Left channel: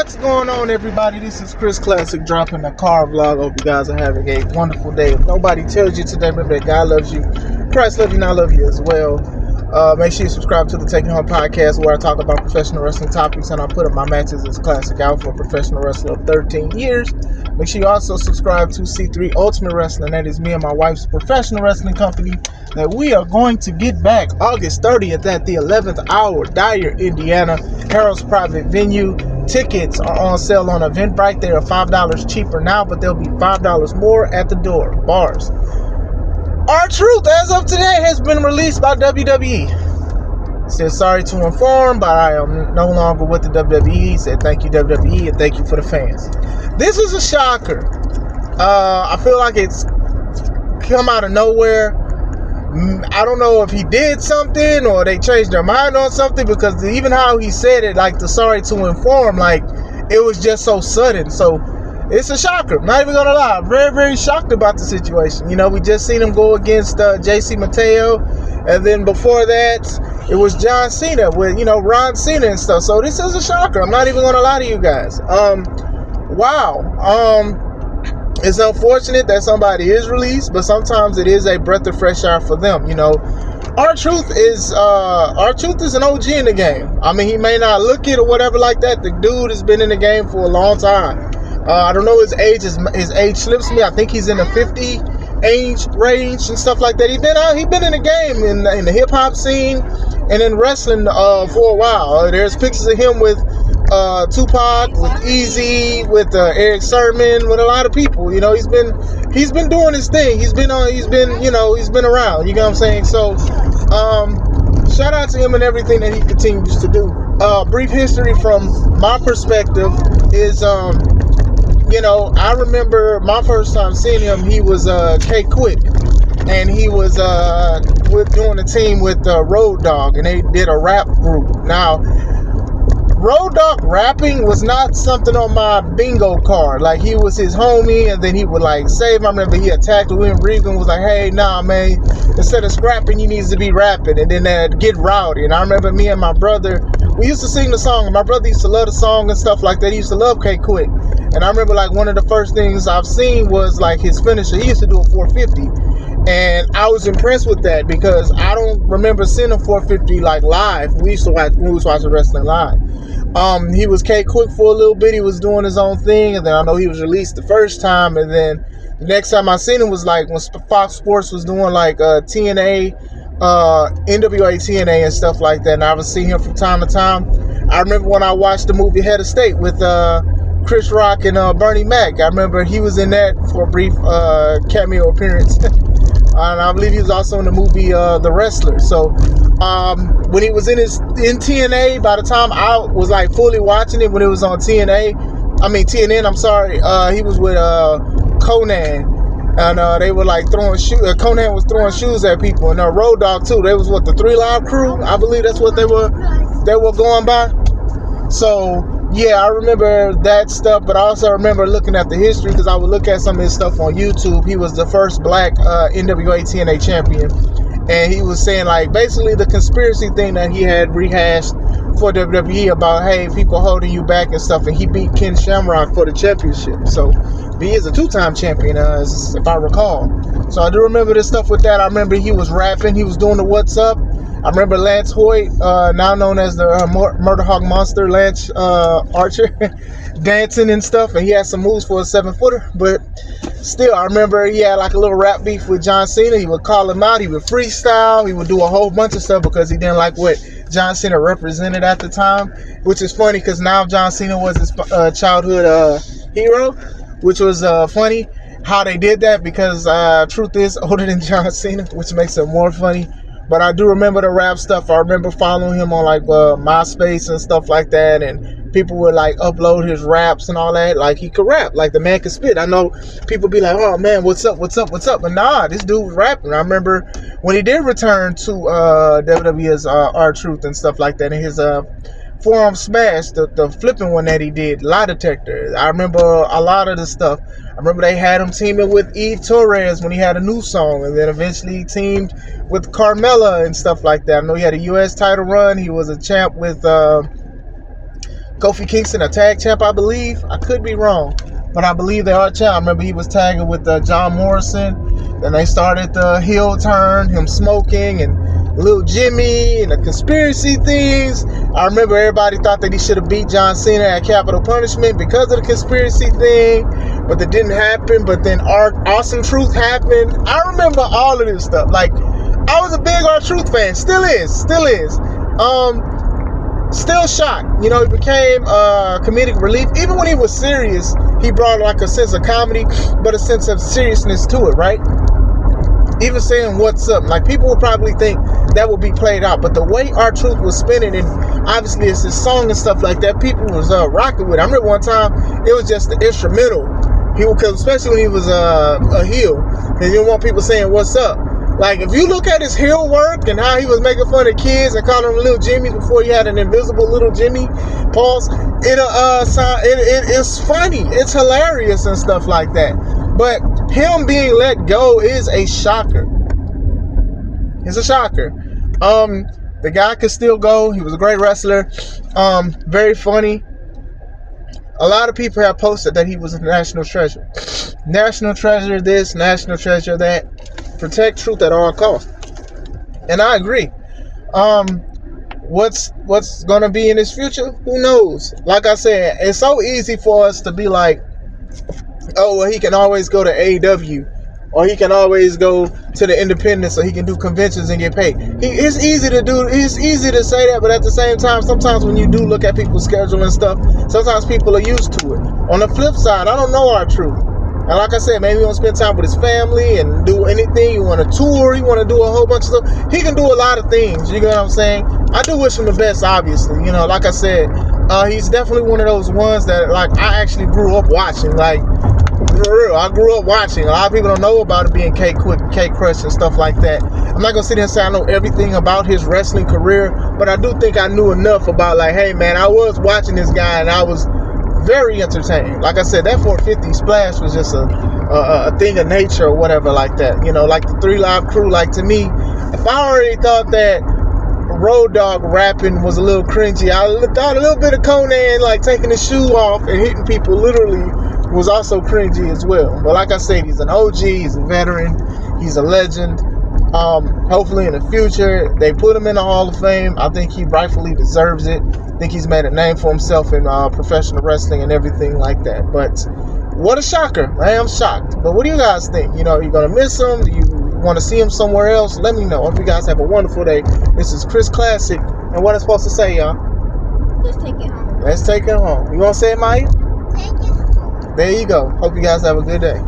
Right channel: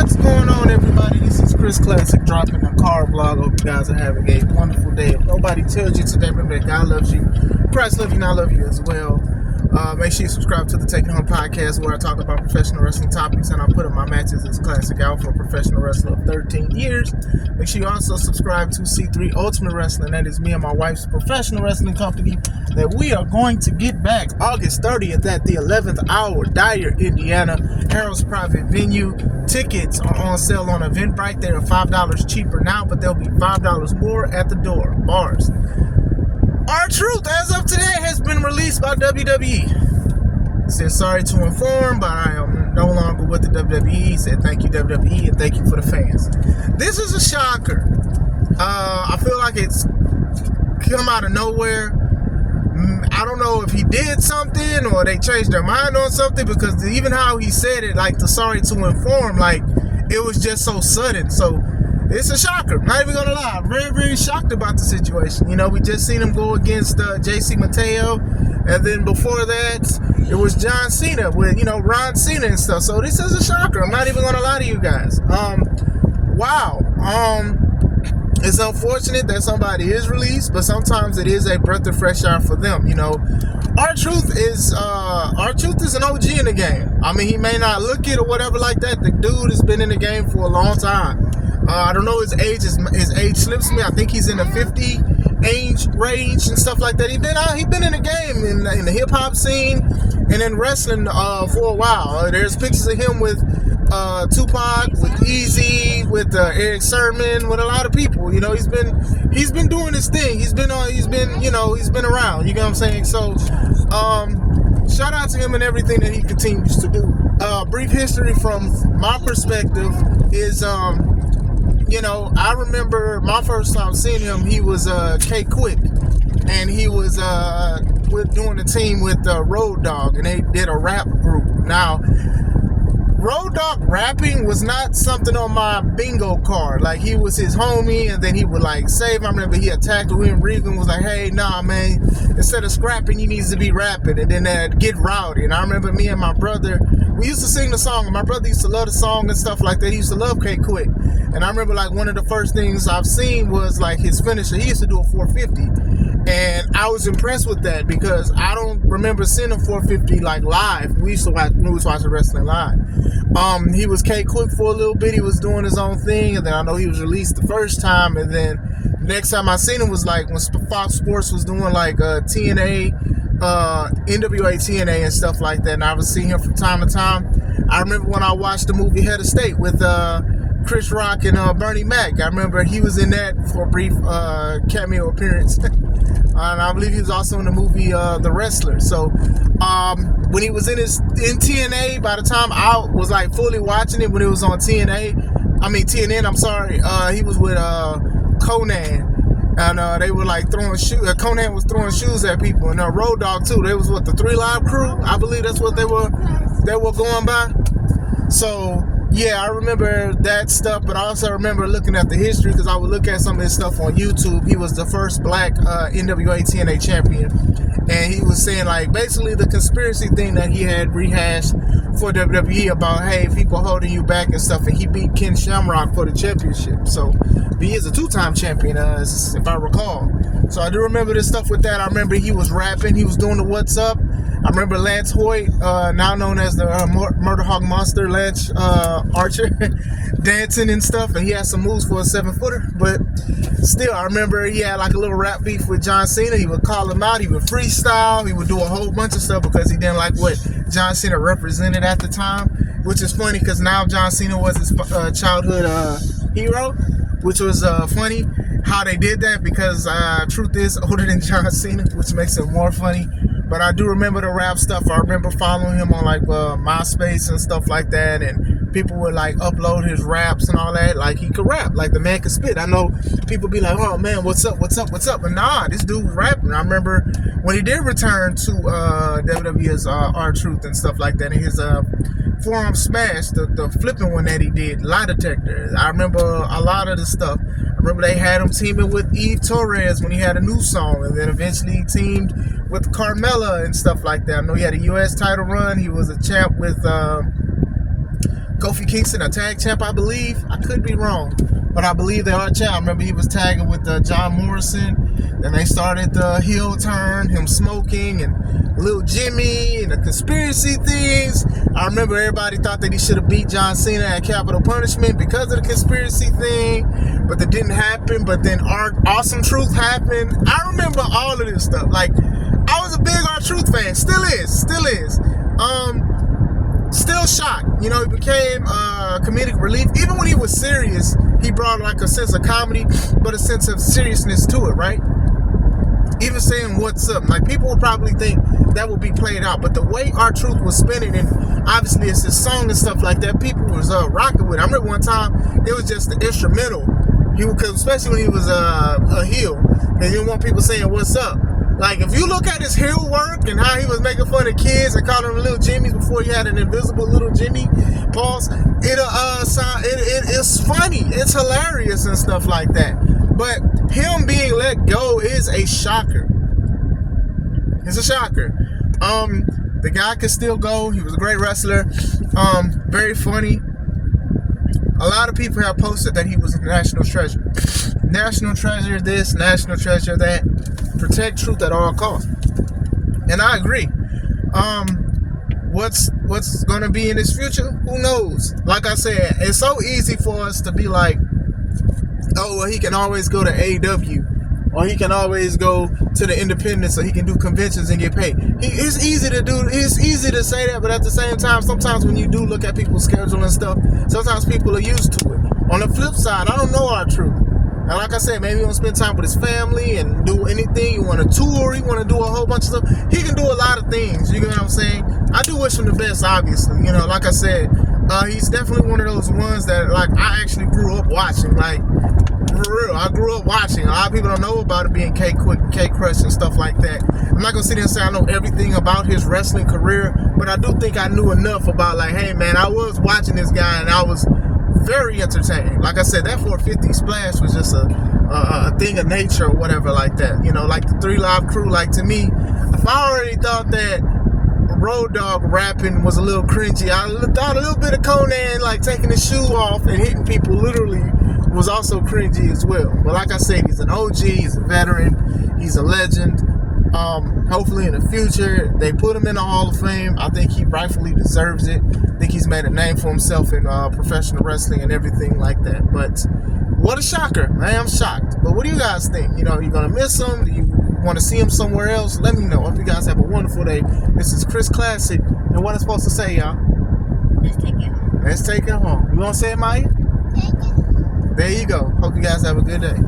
What's going on, everybody? This is Chris Classic dropping a car vlog. Hope you guys are having a wonderful day. If nobody tells you today, remember that God loves you, Christ loves you, and I love you as well. Make sure you subscribe to the Taking Home podcast, where I talk about professional wrestling topics and I put up my matches as classic out for a professional wrestler of 13 years. Make sure you also subscribe to C3 Ultimate Wrestling. That is me and my wife's professional wrestling company that we are going to get back August 30th at the 11th hour, Dyer, Indiana, Harold's private venue. Tickets are on sale on Eventbrite. They are $5 cheaper now, but they'll be $5 more at the door. Bars. R-Truth, as of today, has been released by WWE. Said sorry to inform, but I am no longer with the WWE. Said thank you, WWE, and thank you for the fans. This is a shocker. I feel like it's come out of nowhere. I don't know if he did something or they changed their mind on something, because even how he said it, like the sorry to inform, like it was just so sudden. So it's a shocker. I'm not even gonna lie. I'm very, very shocked about the situation. You know, we just seen him go against JC Mateo, and then before that, it was John Cena with, you know, Ron Cena and stuff. So this is a shocker. I'm not even gonna lie to you guys. Wow. It's unfortunate that somebody is released, but sometimes it is a breath of fresh air for them. You know, R-Truth is an OG in the game. I mean, he may not look it or whatever like that. The dude has been in the game for a long time. I don't know his age. His age slips me. I think he's in the 50 age range and stuff like that. He's been in the game in the hip hop scene and in wrestling for a while. There's pictures of him with Tupac, with Easy, with Eric Sermon, with a lot of people. You know, he's been doing his thing. He's been around. You know what I'm saying? So shout out to him and everything that he continues to do. Brief history from my perspective is you know, I remember my first time seeing him, he was K-Quick, and he was doing a team with Road Dogg, and they did a rap group. Now, Road Dogg rapping was not something on my bingo card. Like, he was his homie, and then he would like save him. I remember he attacked William Regan, was like, hey, nah, man, instead of scrapping, you need to be rapping, and then get rowdy. And I remember me and my brother, we used to sing the song, and my brother used to love the song and stuff like that. He used to love K-Quick. And I remember like one of the first things I've seen was like his finisher. He used to do a 450. And I was impressed with that because I don't remember seeing a 450 like live. We used to watch wrestling live. He was K-Quick for a little bit. He was doing his own thing. And then I know he was released the first time. And then the next time I seen him was like when Fox Sports was doing like TNA, NWA TNA and stuff like that. And I was seeing him from time to time. I remember when I watched the movie Head of State with Chris Rock and Bernie Mac. I remember he was in that for a brief cameo appearance. And I believe he was also in the movie The Wrestler. So when he was in TNA, by the time I was like fully watching it when it was on TNN, I'm sorry, he was with Conan. And they were like throwing shoes. Conan was throwing shoes at people. And Road Dogg too. They was what, the 3 Live Crew? I believe that's what they were going by. So yeah, I remember that stuff, but I also remember looking at the history because I would look at some of his stuff on YouTube. He was the first black NWA TNA champion, and he was saying like basically the conspiracy thing that he had rehashed for WWE about, hey, people holding you back and stuff, and he beat Ken Shamrock for the championship. So he is a 2-time champion, if I recall. So I do remember this stuff with that. I remember he was rapping, he was doing the What's Up. I remember Lance Hoyt, now known as the Murder Hog Monster, Lance Archer, dancing and stuff, and he had some moves for a 7-footer, but still, I remember he had like a little rap beef with John Cena. He would call him out, he would freestyle, he would do a whole bunch of stuff because he didn't like what John Cena represented at the time, which is funny because now John Cena was his childhood hero, which was funny how they did that because Truth is older than John Cena, which makes it more funny. But I do remember the rap stuff. I remember following him on like MySpace and stuff like that, and people would like upload his raps and all that. Like he could rap, like the man could spit. I know people be like, "Oh man, what's up?" But nah, this dude was rapping. I remember when he did return to WWE as R-Truth and stuff like that, and his forearm smash, the flipping one that he did, lie detector. I remember a lot of the stuff. I remember they had him teaming with Eve Torres when he had a new song, and then eventually he teamed with Carmella and stuff like that. I know he had a U.S. title run. He was a champ with Kofi Kingston a tag champ, I believe. I could be wrong, but I believe they are champ. I remember he was tagging with John Morrison. Then they started the heel turn, him smoking and Little Jimmy and the conspiracy things. I remember everybody thought that he should have beat John Cena at Capital Punishment because of the conspiracy thing, but that didn't happen. But then Awesome Truth happened. I remember all of this stuff. Like, I was a big R-Truth fan. Still is. Still shocked. You know, he became comedic relief. Even when he was serious, he brought like a sense of comedy, but a sense of seriousness to it, right? Even saying what's up, like people would probably think that would be played out, but the way R-Truth was spinning, and obviously it's his song and stuff like that, people was rocking with it. I remember one time it was just the instrumental. He would, especially when he was a heel, because he didn't want people saying what's up. Like, if you look at his heel work and how he was making fun of kids and calling them little Jimmys before he had an invisible little Jimmy, pause. It's funny, it's hilarious and stuff like that. But him being let go is a shocker. It's a shocker. The guy could still go. He was a great wrestler. Very funny. A lot of people have posted that he was a national treasure. National treasure this, national treasure that. Protect truth at all costs. And I agree. What's gonna be in his future? Who knows? Like I said, it's so easy for us to be like, oh, well, he can always go to AEW, or he can always go to the independents, or he can do conventions and get paid. It's easy to do. It's easy to say that, but at the same time, sometimes when you do look at people's schedule and stuff, sometimes people are used to it. On the flip side, I don't know R-Truth. And like I said, maybe he want to spend time with his family and do anything. You want to tour, you want to do a whole bunch of stuff. He can do a lot of things, you get what I'm saying? I do wish him the best, obviously. You know, like I said, he's definitely one of those ones that, like, I actually grew up watching. Like, for real, I grew up watching. A lot of people don't know about it being K-Quick, K-Crush and stuff like that. I'm not going to sit here and say I know everything about his wrestling career, but I do think I knew enough about, like, hey, man, I was watching this guy and I was very entertained. Like I said, that 450 splash was just a thing of nature or whatever like that. You know, like the 3 Live Crew. Like, to me, if I already thought that Road Dogg rapping was a little cringy, I thought a little bit of Conan, like, taking his shoe off and hitting people literally was also cringy as well. But like I said, he's an OG, he's a veteran, he's a legend. Hopefully in the future they put him in the Hall of Fame. I think he rightfully deserves it. I think he's made a name for himself in professional wrestling and everything like that. But what a shocker. I am shocked. But what do you guys think? You know, are you going to miss him? Do you want to see him somewhere else? Let me know. Hope you guys have a wonderful day. This is Chris Classic. And what I'm supposed to say, y'all? Let's take it home. Let's take it home. You want to say it, Maya? Take it home. There you go. Hope you guys have a good day.